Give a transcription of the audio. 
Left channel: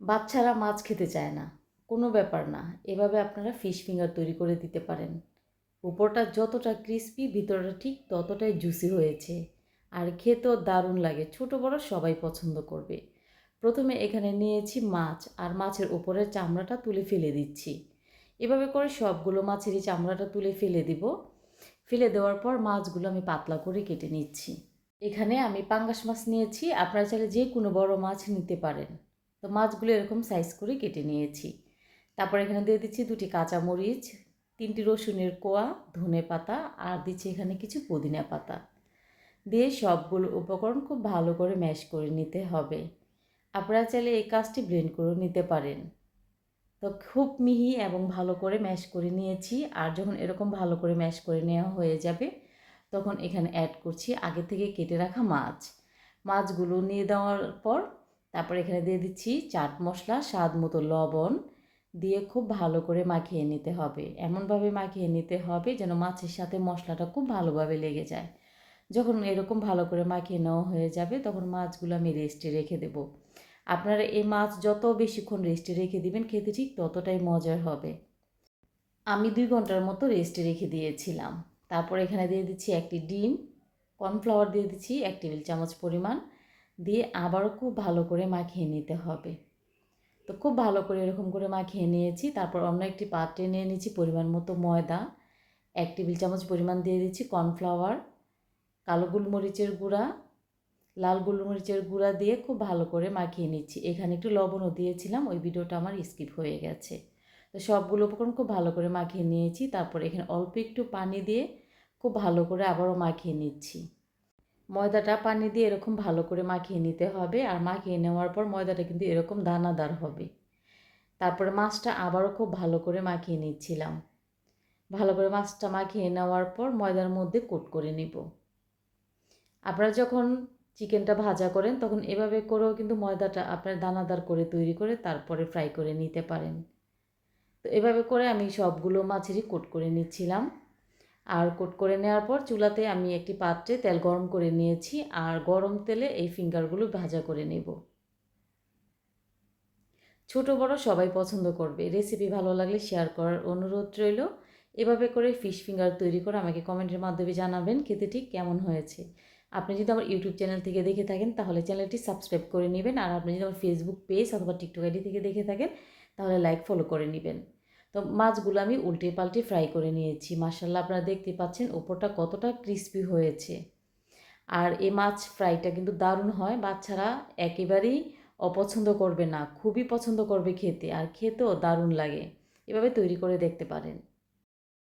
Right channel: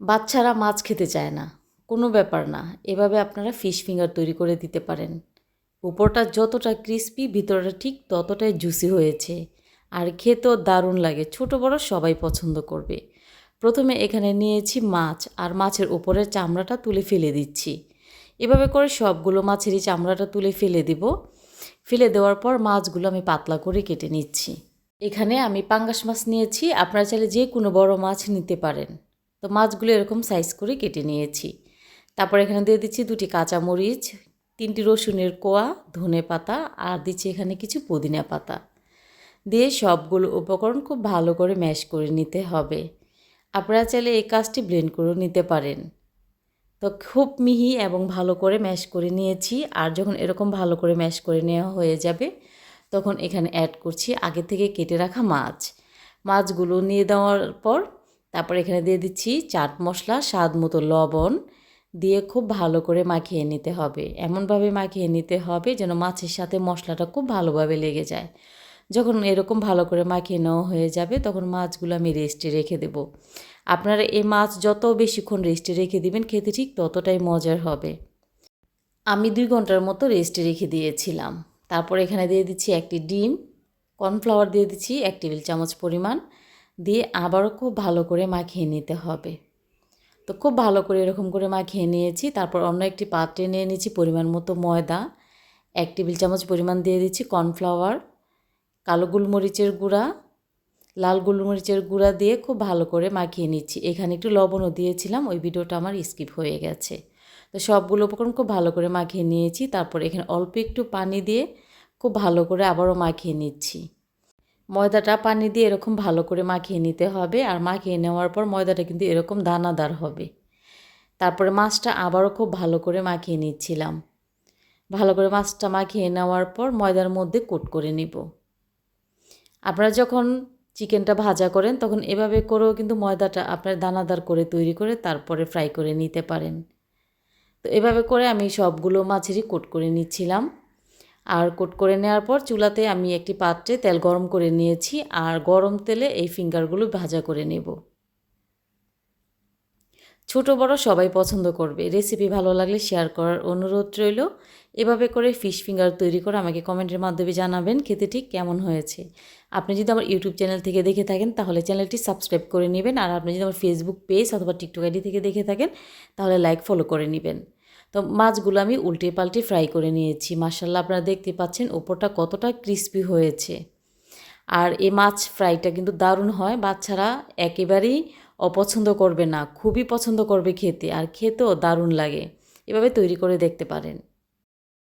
বাচ্চারা মাছ খেতে চায় না। কোনো ব্যাপার না, এভাবে আপনারা ফিশ ফিঙ্গার তৈরি করে দিতে পারেন। উপরটা যতটা ক্রিস্পি ভিতরটা ঠিক ততটাই জুসি হয়েছে। আর খেতেও দারুণ লাগে, ছোট বড় সবাই পছন্দ করবে। প্রথমে এখানে নিয়েছি মাছ, আর মাছের উপরের চামড়াটা তুলে ফেলে দিচ্ছি। এভাবে করে সবগুলো মাছেরই চামড়াটা তুলে ফেলে দিব। ফেলে দেওয়ার পর মাছগুলো আমি পাতলা করে কেটে নিচ্ছি। এখানে আমি পাঙ্গাস মাছ নিয়েছি, আপনারা চাইলে যে কোনো বড় মাছ নিতে পারেন। তো মাছগুলো এরকম সাইজ করে কেটে নিয়েছি। তারপর এখানে দিয়ে দিচ্ছি দুটি কাঁচামরিচ, তিনটি রসুনের কোয়া, ধনে পাতা আর দিচ্ছি এখানে কিছু পুদিনা পাতা। দিয়ে সবগুলো উপকরণ খুব ভালো করে ম্যাশ করে নিতে হবে। আপনারা চাইলে এই কাজটি ব্লেন্ড করেও নিতে পারেন। তো খুব মিহি এবং ভালো করে ম্যাশ করে নিয়েছি আর যখন এরকম ভালো করে ম্যাশ করে নেওয়া হয়ে যাবে, তখন এখানে অ্যাড করছি আগে থেকে কেটে রাখা মাছ। মাছগুলো নিয়ে দেওয়ার পর তারপর এখানে দিয়ে দিচ্ছি চাট মশলা, স্বাদ মতো লবণ দিয়ে খুব ভালো করে মাখিয়ে নিতে হবে। এমনভাবে মাখিয়ে নিতে হবে যেন মাছের সাথে মশলাটা খুব ভালোভাবে লেগে যায়। যখন এরকম ভালো করে মাখিয়ে নেওয়া হয়ে যাবে তখন মাছগুলো আমি রেস্টে রেখে দেব। আপনারা এই মাছ যত বেশিক্ষণ রেস্টে রেখে দিবেন খেতে ঠিক ততটাই মজার হবে। আমি দুই ঘণ্টার মতো রেস্টে রেখে দিয়েছিলাম। তারপর এখানে দিয়ে দিচ্ছি একটি ডিম, কর্নফ্লাওয়ার দিয়ে দিচ্ছি এক টেবিল চামচ পরিমাণ। দিয়ে আবারও খুব ভালো করে মাখিয়ে নিতে হবে। তো খুব ভালো করে এরকম করে মাখিয়ে নিয়েছি। তারপর অন্য একটি পাত্রে নিয়ে নিচ্ছি পরিমাণ মতো ময়দা। এক টেবিল চামচ পরিমাণ দিয়ে দিচ্ছি কর্নফ্লাওয়ার, কালো গোলমরিচের গুঁড়া, লাল গোলমরিচের গুঁড়া দিয়ে খুব ভালো করে মাখিয়ে নিচ্ছি। এখানে একটু লবণও দিয়েছিলাম, ওই ভিডিওটা আমার স্কিপ হয়ে গেছে। তো সবগুলো উপকরণ খুব ভালো করে মাখিয়ে নিয়েছি। তারপর এখানে অল্প একটু পানি দিয়ে খুব ভালো করে আবারও মাখিয়ে নিচ্ছি। ময়দাটা পানি দিয়ে এরকম ভালো করে মাখিয়ে নিতে হবে আর মাখিয়ে নেওয়ার পর ময়দাটা কিন্তু এরকম দানাদার হবে। তারপরে মাছটা আবারও খুব ভালো করে মাখিয়ে নিচ্ছিলাম। ভালো করে মাছটা মাখিয়ে নেওয়ার পর ময়দার মধ্যে কোট করে নিব। আপনারা যখন চিকেনটা ভাজা করেন তখন এভাবে করেও কিন্তু ময়দাটা আপনার দানাদার করে তৈরি করে তারপরে ফ্রাই করে নিতে পারেন। তো এভাবে করে আমি সবগুলো মাছেরই কোট করে নিচ্ছিলাম। আর কোট করে নেওয়ার পর চুলাতে আমি একটি পাত্রে তেল গরম করে নিয়েছি আর গরম তেলে এই ফিঙ্গারগুলো ভাজা করে নেব। ছোট, বড় সবাই পছন্দ করবে। রেসিপি ভালো লাগলে শেয়ার করার অনুরোধ রইল। এভাবে করে ফিশ ফিঙ্গার তৈরি করে আমাকে কমেন্টের মাধ্যমে জানাবেন খেতে ঠিক কেমন হয়েছে। আপনি যদি আমার ইউটিউব চ্যানেল থেকে দেখে থাকেন, তাহলে চ্যানেলটি সাবস্ক্রাইব করে নেবেন। আর আপনি যদি আমার ফেসবুক পেজ অথবা টিকটক আইডি থেকে দেখে থাকেন, তাহলে লাইক ফলো করে নেবেন। তো মাছগুলো আমি উল্টে পাল্টে ফ্রাই করে নিয়েছি। মার্শাল্লাহ আপনারা দেখতে পাচ্ছেন ওপরটা কতটা ক্রিস্পি হয়েছে। আর এই মাছ ফ্রাইটা কিন্তু দারুণ হয়, বাচ্চারা একেবারেই অপছন্দ করবে না, খুবই পছন্দ করবে খেতে, আর খেতেও দারুণ লাগে। এভাবে তৈরি করে দেখতে পারেন।